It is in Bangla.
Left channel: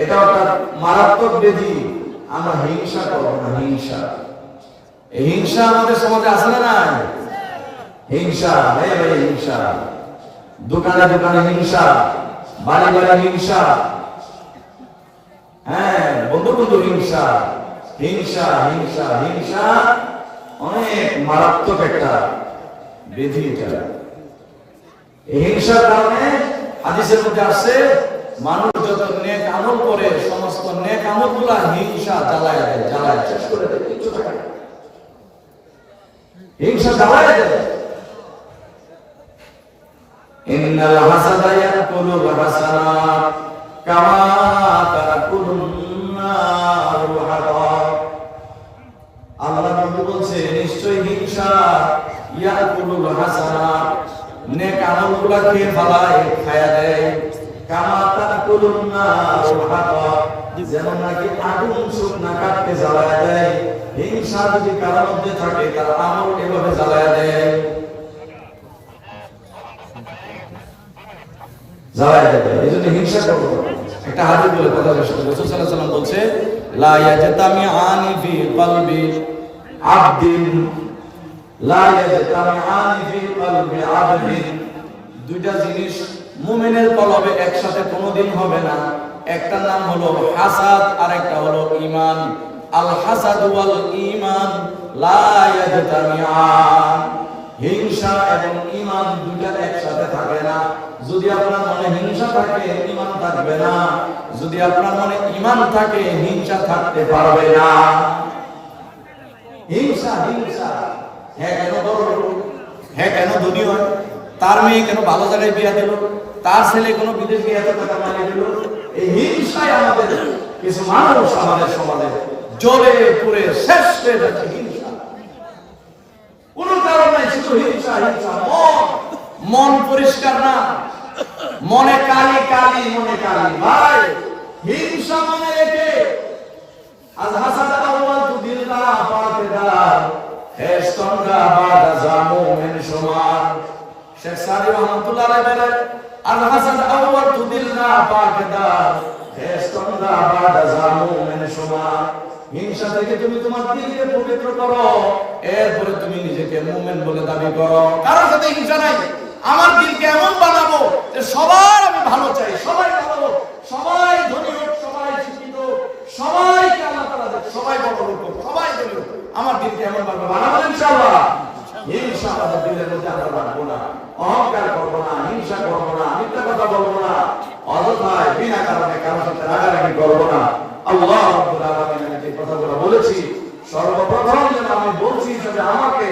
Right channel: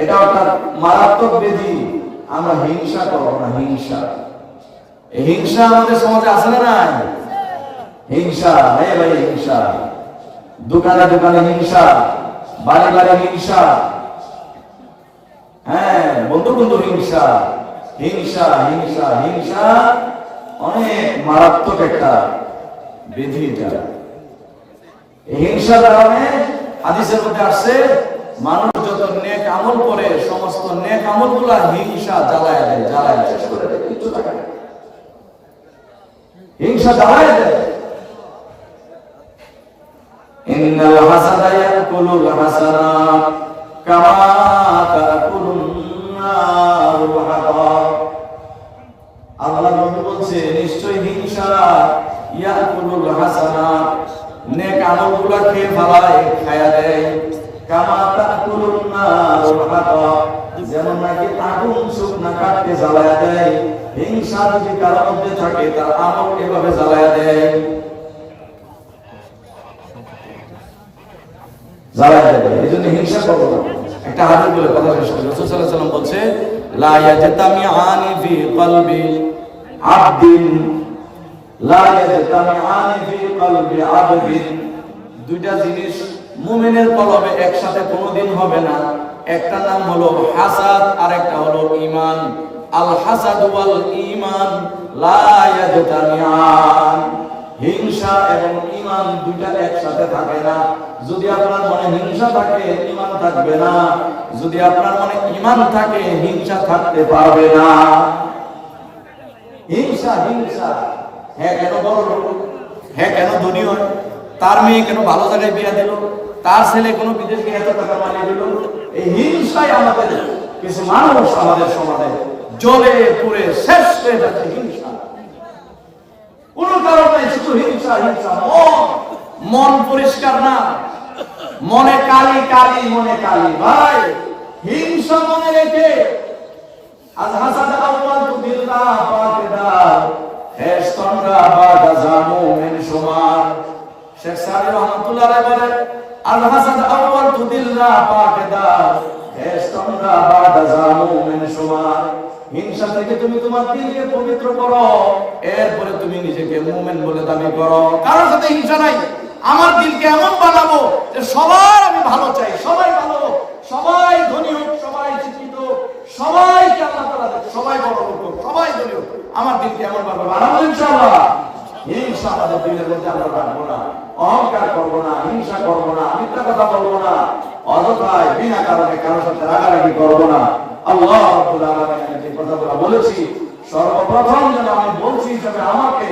এটা অর্থাৎ মারাত্মক ব্যাধি। আমরা হিংসা করবো না, হিংসা। এই হিংসা আমাদের সমাজে আছে না নাই? হিংসা, ভাই ভাই হিংসা, দোকানে দোকানে হিংসা, বাড়ি বাড়ি হিংসা, হ্যাঁ বন্ধু বন্ধু হিংসা, হিংসা হিংসা হিংসা অনেক মারাত্মক একটা ব্যাধি এটা। এই হিংসার কারণে হাদিসের মধ্যে আসছে মানুষ যত নেক আমল করে সমস্ত নেক আমল গুলা হিংসা জ্বালায় দেয়, জ্বালায় শেষ করে দেয়, কিছু থাকে না। হিংসা জ্বালায় দেয়। ইন্নাল হাসাদা ইয়াকুলুল হাসানাত কামা তাকুলুন নারুল হাতাব। আল্লাহ নবী বলছে নিশ্চয়ই হিংসা ইয়াকুলুল হাসানাত, নেক আমলগুলা খেয়ে ফেলায়, খায়া দেয়। কামা তাকুলুন নারুল হাতাব, যেমন নাকি আগুন শুকনা কাঠকে জ্বালায়া দেয়। হিংসা যদি কারো মধ্যে থাকে তার আমল এভাবে জ্বালায়া দেয়, জ্বালায়া দেয়। এই জন্য হিংসা করবো না। একটা হাদিস বলে কথা শেষ করি। রাসূল সাল্লাল্লাহু আলাইহি ওয়াসাল্লাম বলছে লা ইয়াজতামিআনি ফি কলবি আবদিন, লা ইয়াজতামিআনি ফি কলবি আবদিন, দুইটা জিনিস মুমিনের কলবে একসাথে কোনোদিন হবে না। একটার নাম হলো হাসাদ আর একটা হলো ঈমান। আল হাসাদ ওয়াল ঈমান লা ইয়াজতামিআন। হিংসা এবং ঈমান দুইটা একসাথে থাকে না। যদি আপনার মনে হিংসা থাকে ঈমান থাকবে না, যদি আপনার মনে ঈমান থাকে হিংসা থাকতে পারবে না। হিংসা হিংসা, হ্যাঁ কেন বড় লোক, হ্যাঁ কেন ধনী হয়, তার মেয়ে কেন ভালো জায়গায় বিয়ে দিল, তার ছেলে কোনো বিদেশ গিয়ে এত টাকা বানিয়ে দিল। এই হিংসাই আমাদের কিছু মানুষ আমাদের সমাজে জ্বলে পুড়ে শেষ হয়ে যাচ্ছে। হিংসা কোনো কারণ নাই, শুধু হিংসা হিংসা। মন পরিষ্কার না, মনে কালি কালি, মনে কালি। ভাই হিংসা মনে রেখে আল হাসাদ আউয়াল তুদিল্লা ফাতিদা এস্তন্দ্রা বাদা জামুন সুমান। শেখ সাদি রহমাতুল্লাহ আলাইহি বলে আল হাসাদ আউয়াল তুদিল্লা ফাতিদা এস্তন্দ্রা বাদা জামুন সুমান। হিংসা থেকে তুমি তোমার দিলকে পবিত্র করো, এরপরে তুমি নিজেকে মুমিন বলে দাবি করো। কারোর সাথে হিংসা নাই। আমার দিলকে এমন বানাবো যে সবার আমি ভালো চাই, সবাই ভালো হোক, সবাই ধনী হোক, সবাই শিক্ষিত হোক, সবাইকে আল্লাহ তাআলা দেখ, সবাই বড় লোক হোক, সবাই ধনী হোক। আমার দিলকে এমন বানাবো ইনশাআল্লাহ। হিংসা আমাদের দিলের মধ্যে আমরা রাখবো না, অহংকার করবো না, হিংসা করবো না, মিথ্যা কথা বলবো না, অযথায় বিনা কারণে কারোর সাথে রাগারাগি করবো না। আল্লাহ রাব্বুল আলামিন আমি যে কথাগুলো বলেছি সর্বপ্রথম যেন আমি বলছি তবে আমাকে